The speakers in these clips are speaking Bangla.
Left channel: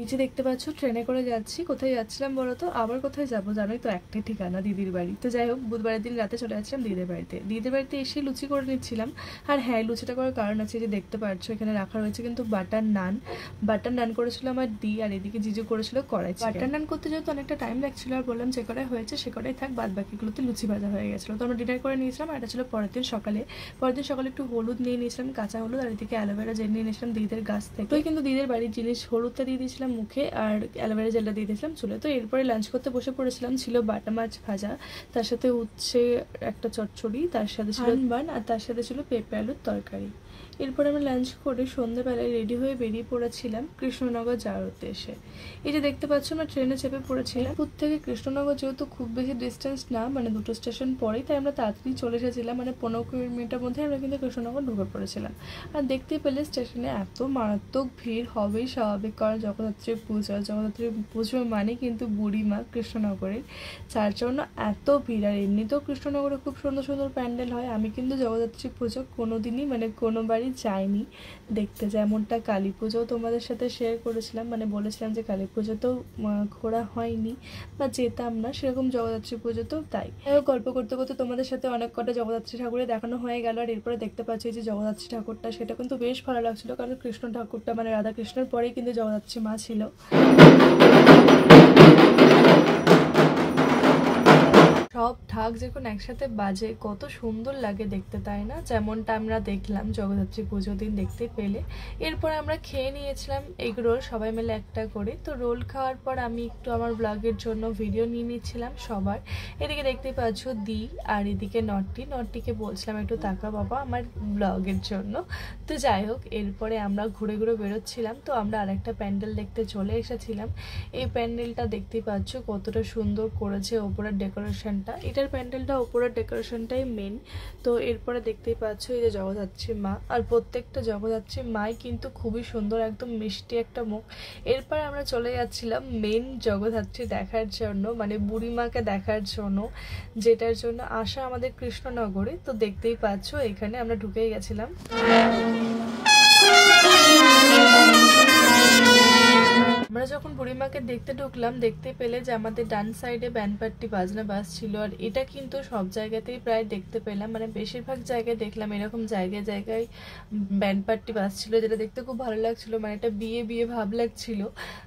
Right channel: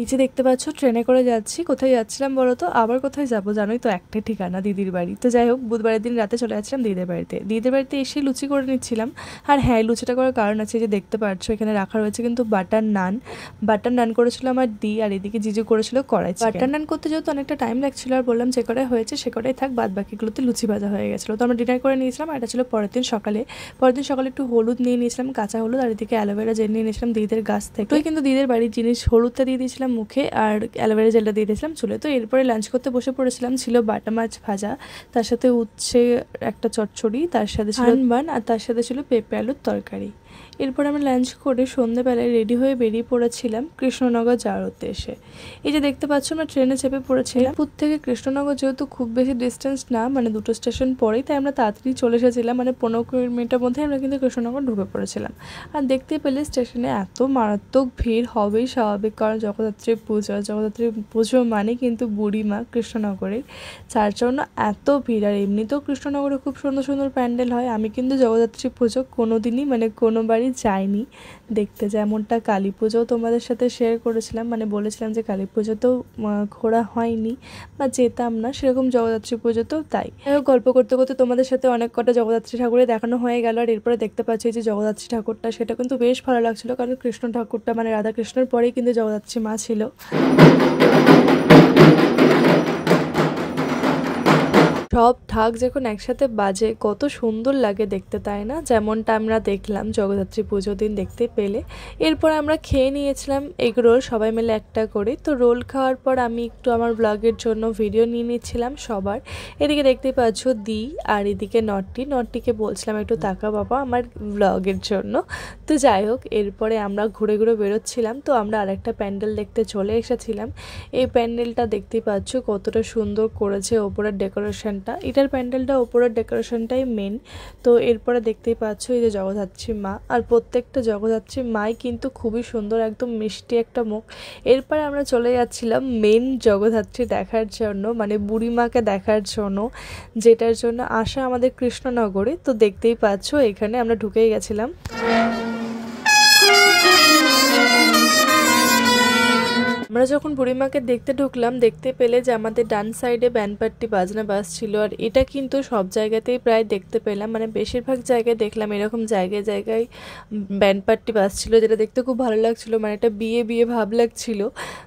এই যে দেখতে পাচ্ছ ট্রেনে করে যাচ্ছি। কোথায় যাচ্ছিলাম বলো তো? আবার কোথায় যাবো জানোই তো, একটাই ঠিকানা, দিদির বাড়ি। তো যাই হোক, বুধবারের দিন রাতে চলে যাচ্ছিলাম দিদির বাড়িতে। দিদির বাড়িতে এসে লুচি করে নিচ্ছিলাম। আর হ্যাঁ, লুচিটা করার কারণ আছে, যে দেখতে পাচ্ছ এখানে রাখা রয়েছে কিন্তু বাটার নান। বাটার নান করেছিল আমার দি, আর এদিকে জিজু করেছিল কড়াই চিকেন। বাটার নান করতে যেহেতু অনেকটা টাইম লাগছিল, আর বললাম যে কটাই হয়েছে সে কটাই থাক, বাদ বাকিগুলোতে লুচি ভাজা হয়ে গেছিলো। তো আমরা ডিনার করে নিয়েছিলাম। আর এটা ছিল পরের দিন সকালে। একটু হলুদ নিয়ে নিয়েছিলাম, কাঁচা হলুদ, আর এদিকে অ্যালোভেরা জেল নিয়ে নিয়েছিলাম দিদিদের গাছ থেকে। তো কিন্তু দিদিদের বাড়ির জিনিস, হলুদটা দিয়ে দিয়েছিলাম মুখে, আর অ্যালোভেরা জেলটা দিয়ে দিয়েছিলাম চুলে। তো এরপরে লাঞ্চ করতে বসে পড়েছিলাম। ছিল বাটা মাছ ভাজা, তার সাথে উচ্ছে একটা চচ্চড়ি, তার সাথে ছিল বান, আর তার সাথে ছিল পেঁপে আলুর তরকারি। এরপর আমি লাঞ্চ করে সন্ধ্যাবেলায় রেডি হয়ে বেরিয়ে পড়েছিলাম কৃষ্ণনগর যাওয়ার উদ্দেশ্যে। এই যে দেখতে পাচ্ছ, আমরা ট্রেনে চেপে পড়েছিলাম। পুর থেকে কৃষ্ণনগর যেহেতু খুব বেশি ডিস্টেন্স না, মানে দুটো স্টেশন পরেই, তাই আমরা তাড়াতাড়ি চলে এসেছিলাম। মানে 15 মিনিটের মধ্যে আমরা কিন্তু কৃষ্ণনগর ঢুকে পড়েছিলাম। আর দেখতেই পেলে স্টেশনে এত মারাত্মক ভিড় হবেই স্বাভাবিক, কারণ জগদ্ধাত্রী পুজো মানে কিন্তু বুড়িমা কৃষ্ণনগরেই, যার জন্য এত ভিড়। আর এমনিতেও কৃষ্ণনগরে খুব সুন্দর সুন্দর প্যান্ডেল হয়। আমি কিন্তু জগদ্ধাত্রী পুজো কোনোদিনই মানে কোনোবারই যাইনি দেখতে। যেমনটা কালী পুজোও তোমাদের সাথে শেয়ার করেছিলাম, মানে বলেছিলাম যে কালী পুজোতেও ঘোরা হয়নি বা যেতাম না, সেরকম জগদ্ধাত্রী পুজোতেও তাই। গল্প করতে করতে তোমাদের সাথে অনেক কটা জগদ্ধাত্রী ঠাকুরে দেখানো হয়ে গেল। আর এরপরে দেখতে পাচ্ছি যে জগদ্ধাত্রী ঠাকুরটা, সেটা কিন্তু বেশ ভালো লাগছিল, কারণ কৃষ্ণ ঠাকুরটা মানে রাধা কৃষ্ণের পরেই কিন্তু জগদ্ধাত্রী মা ছিল। সব ঢাক যখন একসাথে বাজে কত সুন্দর লাগে দেখতে, তাই না? যেমনটা আমরা দেখলাম জগদ্ধাত্রী পুজো দিন দেখতে পেলে। এরপর আমরা খেয়ে নিয়েছিলাম এগ রোল, সবাই মিলে একটা করে। তো রোল খাওয়ার পর আমি একটু আমার ব্লগের জন্য ভিডিও নিয়ে নিচ্ছিলাম সবার। এদিকে দেখতে পাচ্ছ দি, আর এদিকে নট্টিকে বলছিলাম একটু তাকা বাবা আমার ব্লগের জন্য। তো যাই হোক, এরপরে আমরা ঘুরে ঘুরে বেরোচ্ছিলাম। তো আমরা আরেকটা প্যান্ডেল দেখতে চলে এসেছিলাম। এই প্যান্ডেলটা দেখতে পাচ্ছ কতটা সুন্দর করেছে ওপরের ডেকোরেশনটা। এটার প্যান্ডেলটা ওপরের ডেকোরেশনটাই মেন। তো এরপরে দেখতেই পাচ্ছ এই যে জগদ্ধাত্রী মা, আর প্রত্যেকটা জগদ্ধাত্রী মাই কিন্তু খুবই সুন্দর, একদম মিষ্টি একটা মুখ। এরপরে আমরা চলে যাচ্ছিলাম মেন জগদ্ধাত্রী দেখার জন্য, মানে বুড়িমাকে দেখার জন্য, যেটার জন্য আসা আমাদের কৃষ্ণনগরে। তো দেখতেই পাচ্ছ এখানে আমরা ঢুকেই গেছিলাম। আমরা যখন বুড়িমাকে দেখতে ঢুকলাম, দেখতে পেলে যে আমাদের ডান সাইডে ব্যান্ডপাট্টি বাজনা বাজছিল। আর এটা কিন্তু সব জায়গাতেই প্রায় দেখতে পেলাম, মানে বেশিরভাগ জায়গায় দেখলাম এরকম জায়গায় জায়গায় ব্যান্ডপাট্টি বাজছিল, যেটা দেখতে খুব ভালো লাগছিল, মানে এটা বিয়ে বিয়ে ভাব লাগছিল।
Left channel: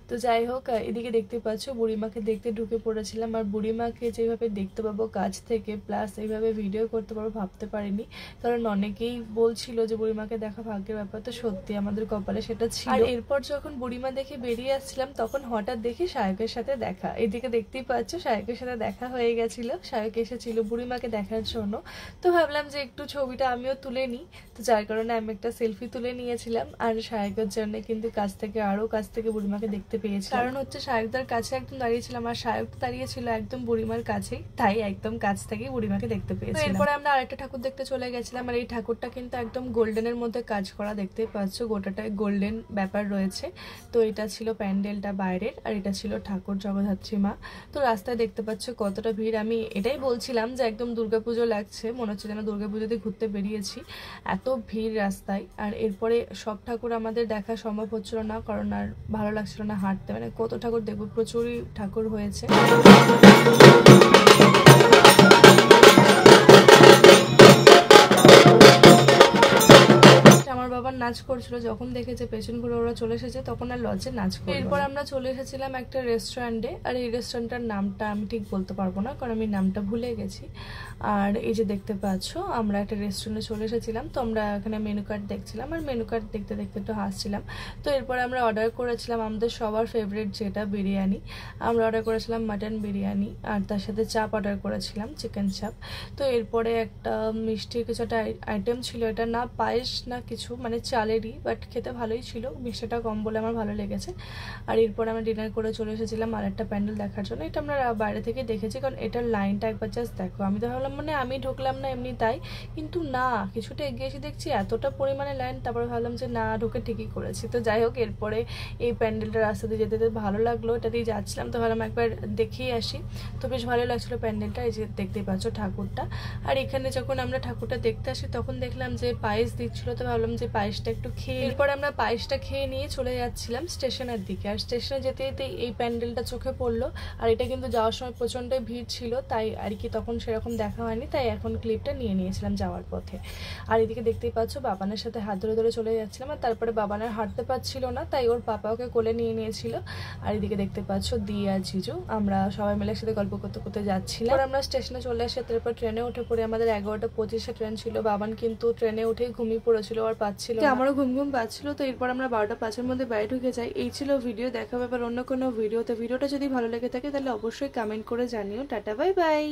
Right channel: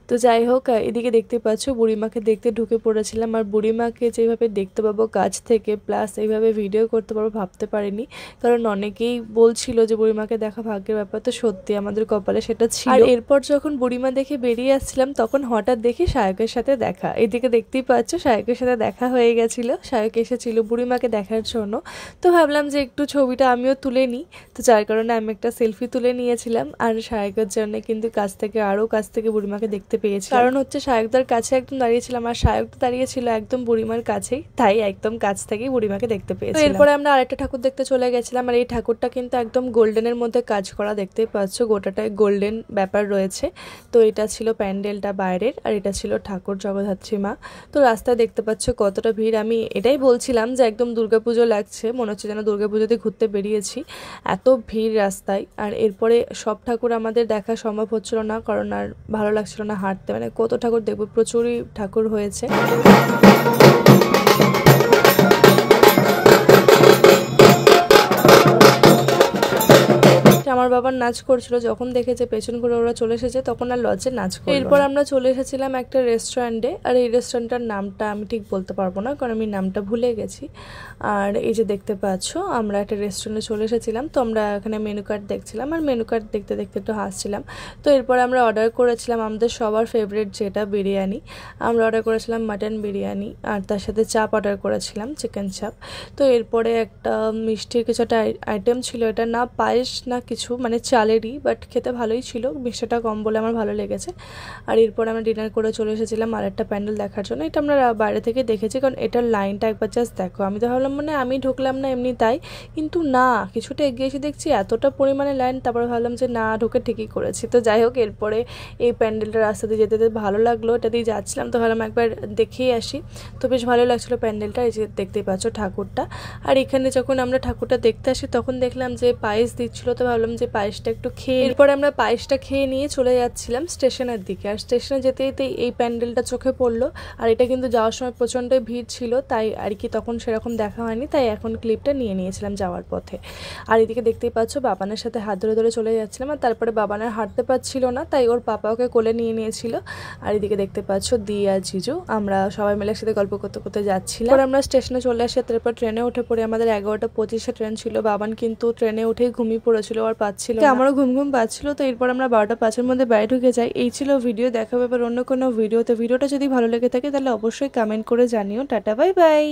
তো যাই হোক, এদিকে দেখতে পাচ্ছ বুড়িমাকে দেখতে ঢুকে পড়েছিলাম। আর বুড়িমাকে যেভাবে দেখতে পাবো কাছ থেকে, প্লাস এইভাবে ভিডিও করতে পারবো ভাবতে পারিনি, কারণ অনেকেই বলছিল যে বুড়িমাকে দেখা ভাগ্যের ব্যাপার। তো সত্যি আমাদের কপালে সেটা ছিল। আর এরপর যখন বুড়িমা দেখে বেরিয়ে আসছিলাম, তখন হঠাৎ দেখি শায়কের সাথে দেখা। এদিকে দেখতেই পাচ্ছ শায়কের সাথে দেখা হয়ে গেছিল। শায়ক এসেছিল বুড়িমাকে দেখার জন্য। তো ভাবলাম যে একটু ছবিটা আমিও তুলে নিই, তো যার কারণে আমি একটা সেলফি তুলে নিয়েছিলাম। আর শায়কের জন্য কিন্তু কাছ থেকে বুড়িমাকে দেখতে পেয়েছি, কারণ হচ্ছে শায়কদার কাছে একদম দাঁড়িয়েছিলাম, আর শায়ক দাঁড়িয়েছিল একদম বুড়িমার কাছেই, তাই একদম কাছ থেকেই বুড়িমাকে দেখতে পেয়েছি। এরপরে আমরা আরেকটা ঠাকুর দেখতে চলে গেছিলাম। আর এই ঠাকুরটা কিন্তু একদম গোল্ডেনের মধ্যে কাজ করা, দেখতেই পাচ্ছ গোটাটায় গোল্ডেন ব্যাপার রয়েছে। তো এটা ছিল প্যান্ডেলটা বাইরের, আর এটা ছিল ঠাকুর জগদ্ধাত্রী মা। তো রাস্তায় দেখতে পাচ্ছ কতটা ভিড়। আমি এটাই বলছিলাম যে একদম দুর্গাপুজো লাগছে, মনে হচ্ছে যেন দুর্গাপুজোতে ঘুরতে বেরিয়েছি, এত ভিড় রাস্তায়। আর এরপরে সব ঠাকুর আমাদের দেখা সম্ভব হচ্ছিল না, কারণ আর ভালো লাগছিল না হাঁটতে, মানে কত ঠাকুর দেখবো, প্রচুরই ঠাকুর হয়েছে। আমার বাবার নাচ করছিল, যখন দেখেছে পেছন ঘুরে ওরা চলে এসেছে, তখন আর লজ্জে নাচ করলো। এরপর আমরা চলে এসেছিলাম একটা রেস্টুরেন্টে। আর এই রেস্টুরেন্টটার নামটা আমি ঠিক বলতে পারবো না, কারণ আমি নামটা ভুলে গেছি। আর এই যে দেখতে পাচ্ছ আমরা একটা রেস্টুরেন্টে চলে এসেছিলাম। তো আমরা এখানে মেনু কার্ড দেখছিলাম, আর মেনু কার্ড দেখতে দেখতে একটু হাসছিলাম। তো এরপর আমরা অর্ডার করেছিলাম আমাদের সবার ফেভারিট যেটা বিরিয়ানি। আমরা অর্ডার করেছিলাম মাটন বিরিয়ানি, আর তার সাথে চাপ অর্ডার করেছিলাম, চিকেন চাপ। তো এরপরে একটা মিষ্টির কিছু একটা আইটেম ছিল, এটা না পায়েস না কিছু, মানে চালেরই, বাট খেতে ভালোই ছিল, মিষ্টিটা কম বলে আমার ভালো লেগেছে। আর এরপর আমরা ডিনার করে চলে এসেছিলাম আর একটা প্যান্ডেল দেখার জন্য। এটা আমরা বাইরে থেকে দেখেছি, কারণ এটার লাইনটা একবার জাস্ট দেখো। আমি তো ভাবলাম মানে আমি ঢুকলাম না এমনি তাই, কিন্তু না, কিছুটা এগিয়ে এসে দেখছি এতটা পরিমাণে লাইন। তারপরে ভাবলাম যে না, ঢুকে ঠিকই করেছি। তো যাই হোক, এরপরে এই প্যান্ডেলটা রাস্তা দিয়ে যেতে যেতে ভালো লাগলো, এটা দিয়ে যাচ্ছিলাম, তো ভাবলাম একবার দেখেই আসি। তো বেশ ভালো লাগছিলো প্যান্ডেলটা। এই যে দেখতেই পাচ্ছ ঠাকুরটা। আর এখানে যখন আমরা ঠাকুরটা দেখতে আসি, তখন দেখলাম যে পায়েস দিচ্ছিলো। তো ভাবলাম যে পায়েসটা একটু খেয়ে, এরপরে আমরা পায়েসটা খেয়ে নিয়ে চলে যাচ্ছিলাম স্টেশনের দিকে। আর স্টেশনে যেতে যেতে এই প্যান্ডেলটা চোখে পড়লো, আর এটা কিন্তু যাওয়ার সময় প্রচণ্ড ভিড় ছিল, তাই আর কি তখন সেরকম দেখা হয়নি, তাই এখন ক্লিপটা নিয়ে নিয়েছিলাম যাওয়ার পথে। আর এদিকে দেখতেই পাচ্ছ বাবানের সাথে হাত ধরে ধরে চলে যাচ্ছিলাম, আর তারপরে বাবানের হাঁটতে পারছিল না, তাই ওর পাপা ওকে কোলে নিয়ে নিয়েছিল। আর এদিকে দেখতে পাচ্ছ দি আর জিজু, আমরা সবাই মিলে একসাথে গল্প করতে করতে যাচ্ছিলাম। আর আমরা স্টেশনে চলে আসি, তারপর ট্রেনে উঠে পড়ি। আমাদের 11:25 ট্রেন ছিল। বাবান কিন্তু ট্রেনে উঠেই ঘুমিয়ে পড়েছিল, আর পাচ্ছিল, আমারও ঘুম ঘুম পাচ্ছিল। তো এরপর আমরা 12:05 মধ্যে বাড়ি ঢুকে যাই। এই ছিল ভিডিও, দেখা ব্যাপার অন্য কোনো ভিডিওতে। ভিডিওটা যদি ভালো লেগে থাকে তাহলে অবশ্যই কমেন্ট করে জানিও। Tata, bye bye.